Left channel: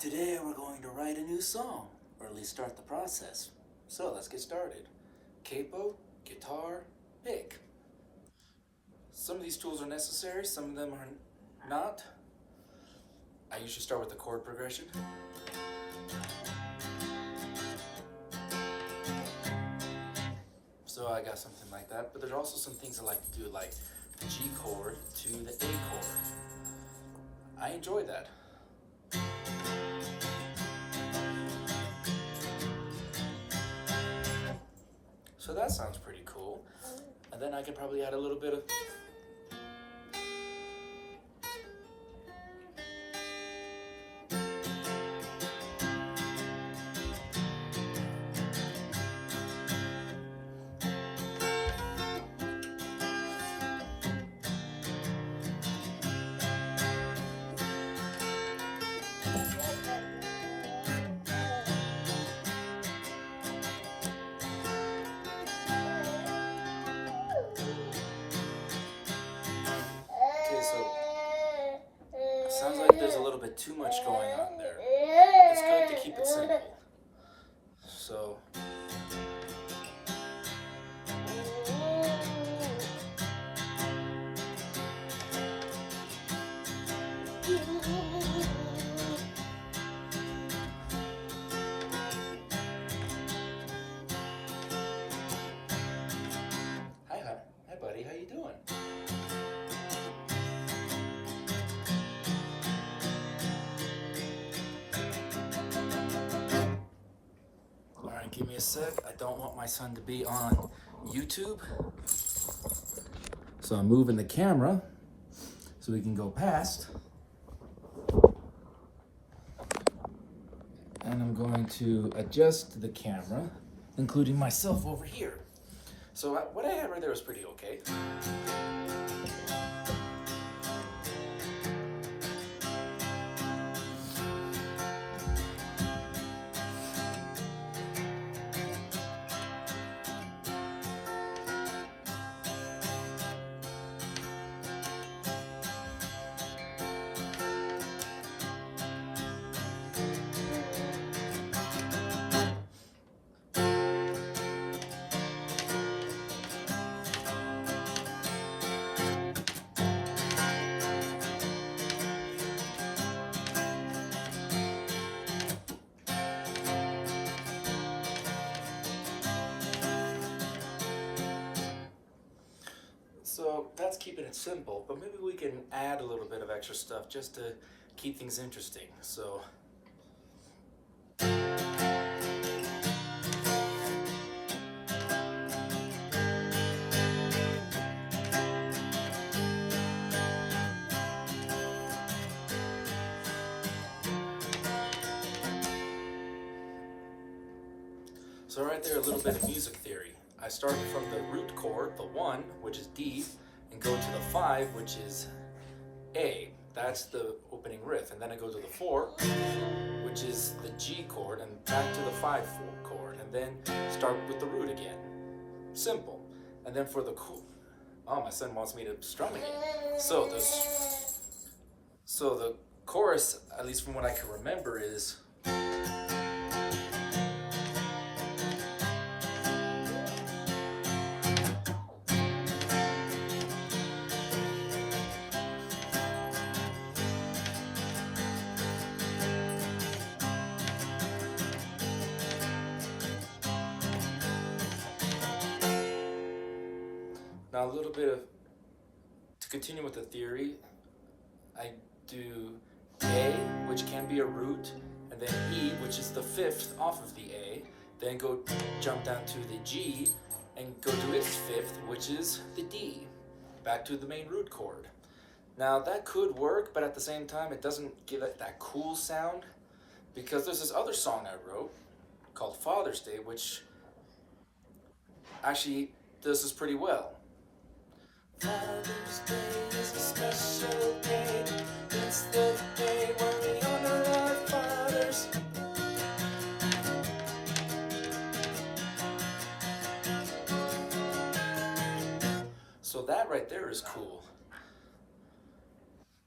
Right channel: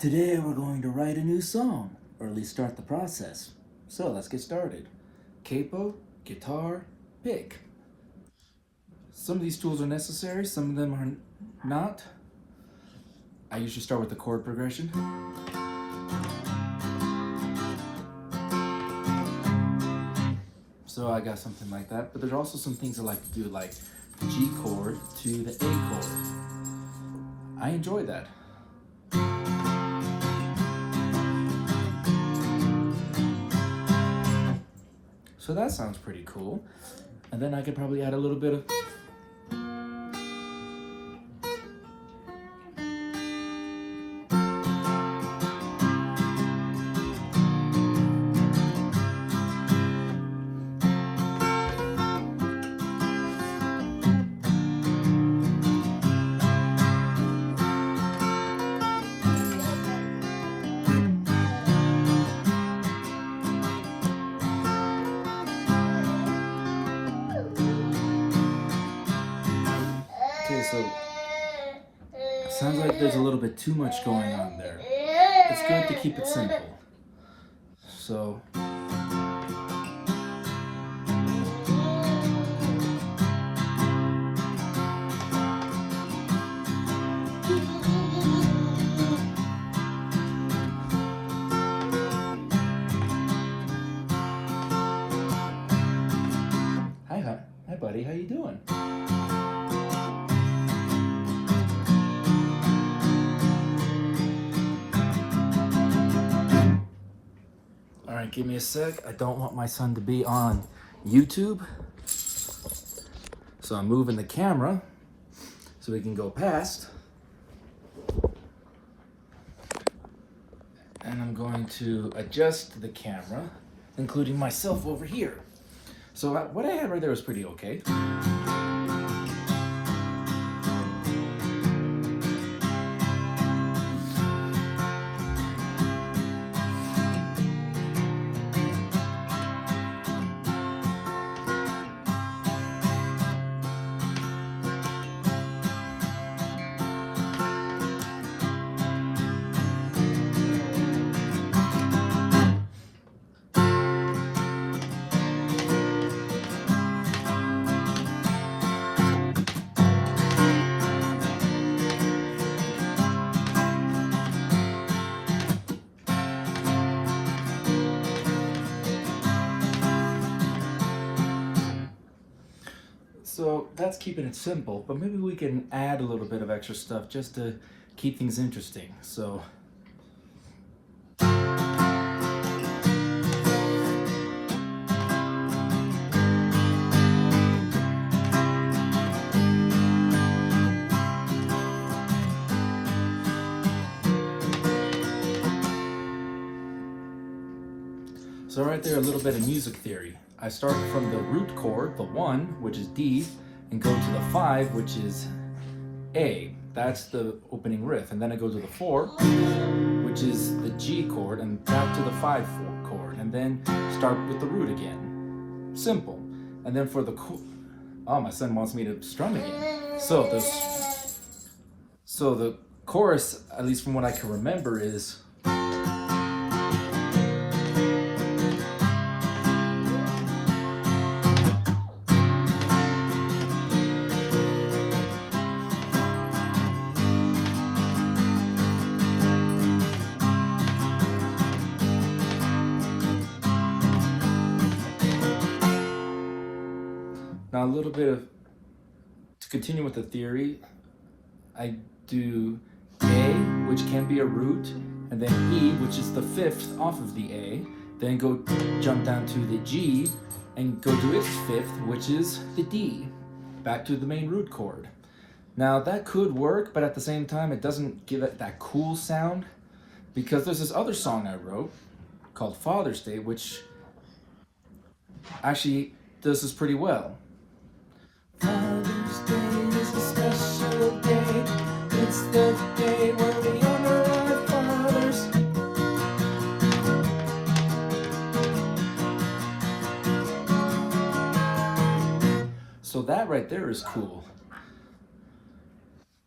Today we're going to write a new song, or at least start the process. So let's get started. Capo, guitar, pick. Some of these tools are necessary, some of them are not. I usually start with the chord progression. So I got something like that, but there's also some things I like to do, like the G chord to the A chord. I enjoy that. So that sounds pretty cool. And then I could probably add a little bit of Okay, so sounds like there's a little bit too much going on there. It's good to keep it simple. So hi buddy, how you doing? All right, give me a sec. I don't want my son to be on YouTube. So I'm moving the camera so we can go past. And I'm going to adjust the camera, including myself over here. So what I had right there was pretty okay. So that's keeping it simple, but maybe we can add a little bit of extra stuff just to keep things interesting. So right there, a little bit of music theory. I start from the root chord, the 1, which is D, and go to the 5, which is A. That's the opening riff. And then I go to the 4, which is the G chord, and back to the 5 chord, and then start with the root again. Simple. And then for the oh, my son wants me to strum again. So the chorus, at least from what I can remember, is now a little bit of, to continue with the theory, I do A, which can be a root, and then E, which is the 5th off of the A, then jump down to the G, and go to its 5th, which is the D, back to the main root chord. Now that could work, but at the same time it doesn't give it that cool sound, because there's this other song I wrote called Father's Day, which actually does this pretty well. Father's Day is a special day. It's the day where we honor our fathers. So that right there is cool,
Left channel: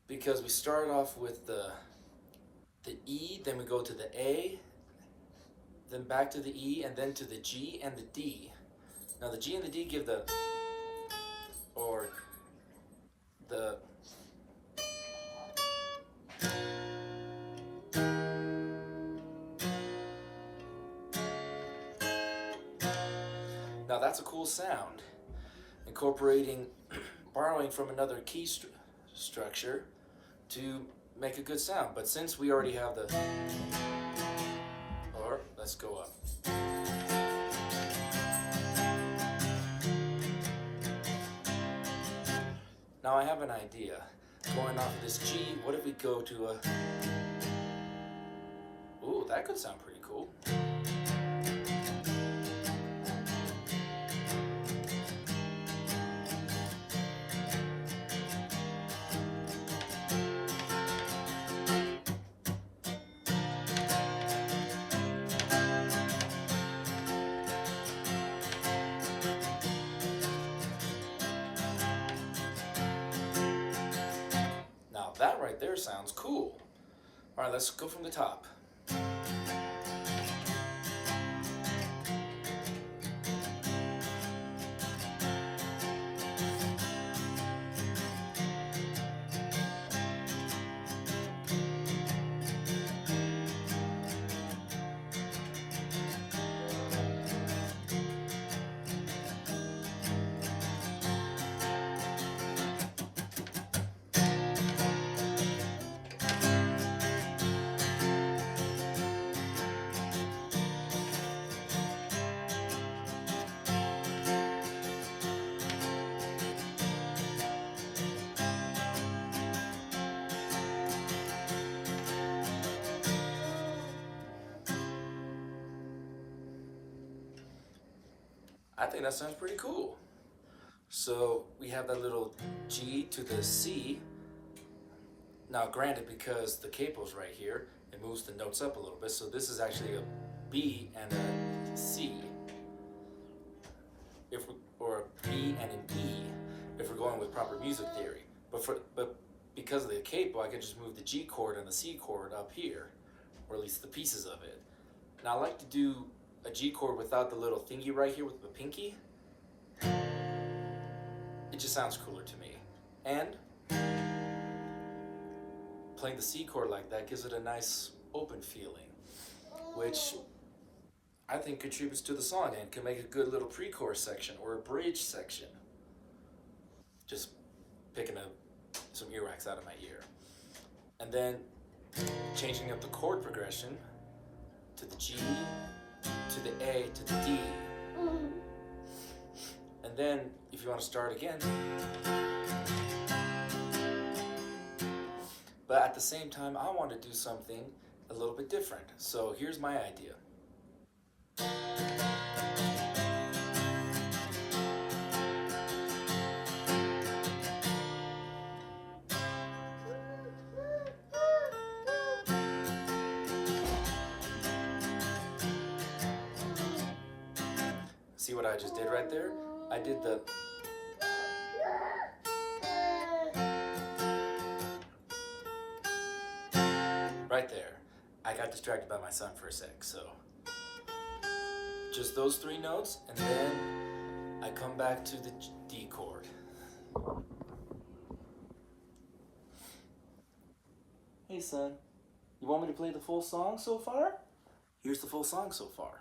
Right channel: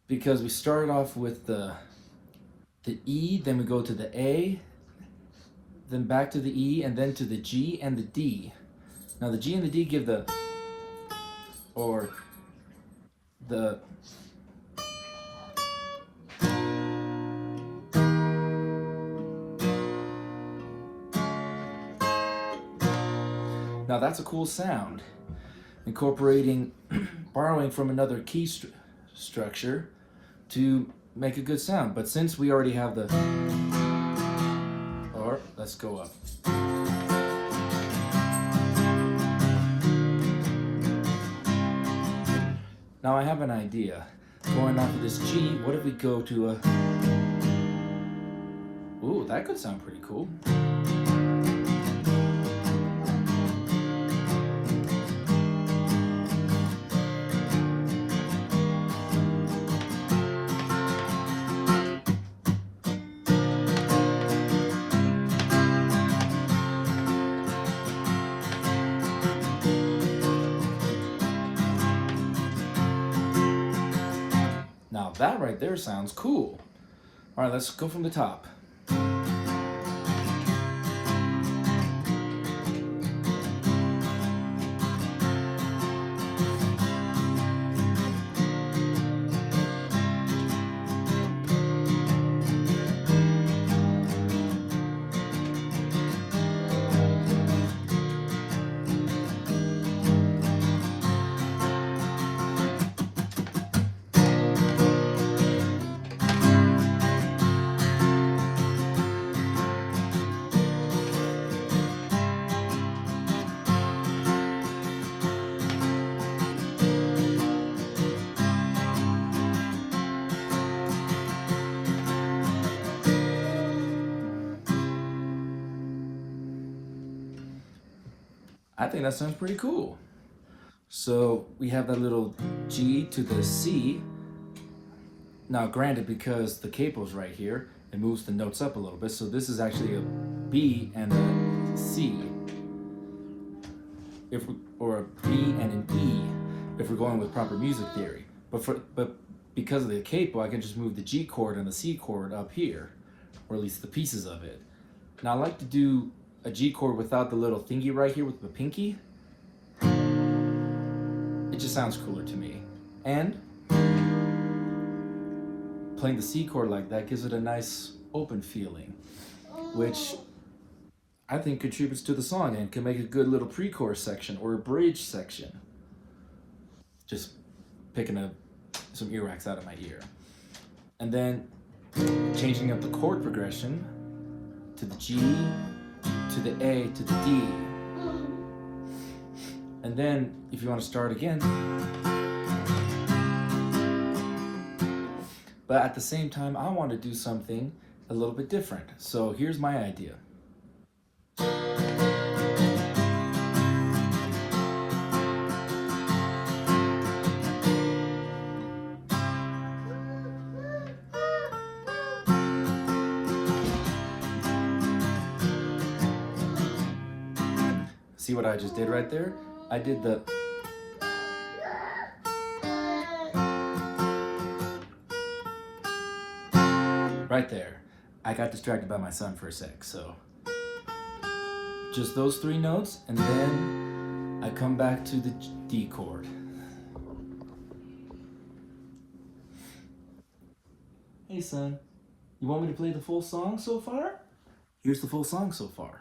because we started off with the the E, then we go to the A, then back to the E, and then to the G and the D. Now the G and the D give the, or the, now that's a cool sound, incorporating, borrowing from another key structure to make a good sound. But since we already have the, or let's go up. Now I have an idea. Going off of this G, what if we go to a, ooh, that could sound pretty cool. Now that right there sounds cool. All right, let's go from the top. I think that sounds pretty cool. So we have that little G to the C. Now granted, because the capo's right here, it moves the notes up a little bit. So this is actually a B and a C. Or a B and an E, if we're going with proper music theory. But because of the capo, I can just move the G chord and the C chord up here, or at least the pieces of it. Now I like to do a G chord without the little thingy right here with the pinky. It just sounds cooler to me. And playing the C chord like that gives it a nice open feeling, which I think contributes to the song and can make a good little pre-chorus section or a bridge section. Just picking some earwax out of my ear. And then changing up the chord progression to the G, to the A, to the D. And then if you want to start again, but at the same time I want to do something a little bit different. So here's my idea. See what I just did right there? I did the right there. I got distracted by my son for a sec, so just those three notes, and then I come back to the D chord. Hey son, you want me to play the full song so far? Here's the full song so far.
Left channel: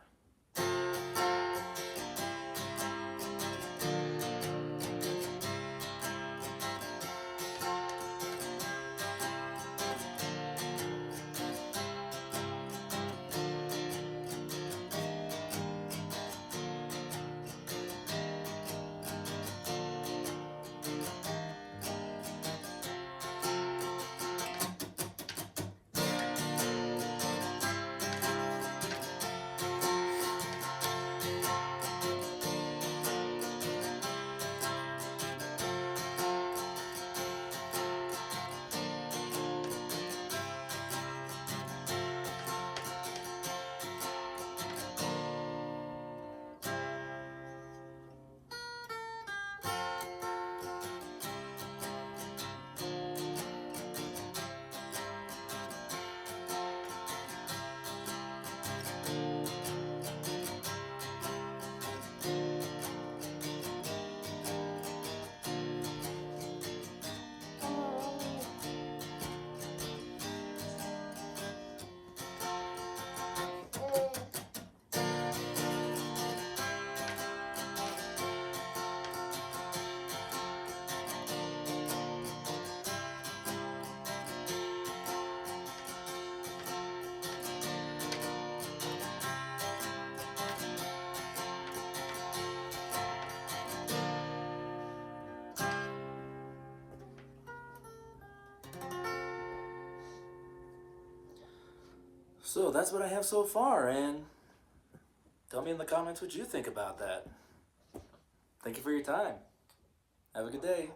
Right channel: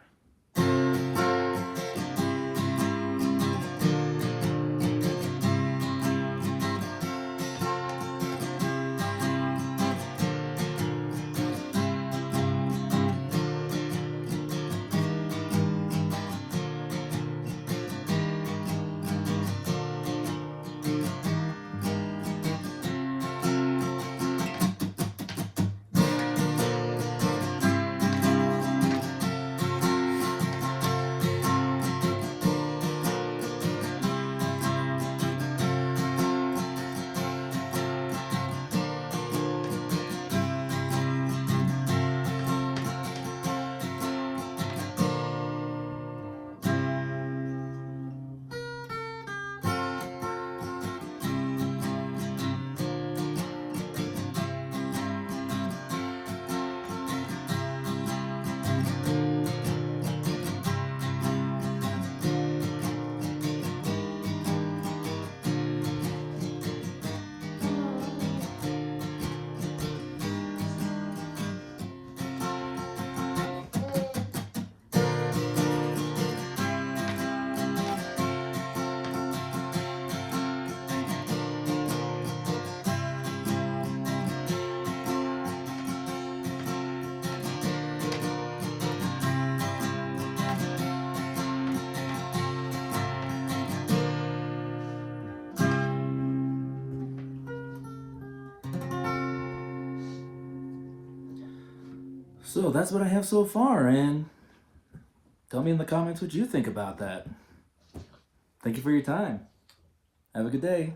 So that's what I have so far, and tell me in the comments what you think about that. Thank you for your time. Have a good day.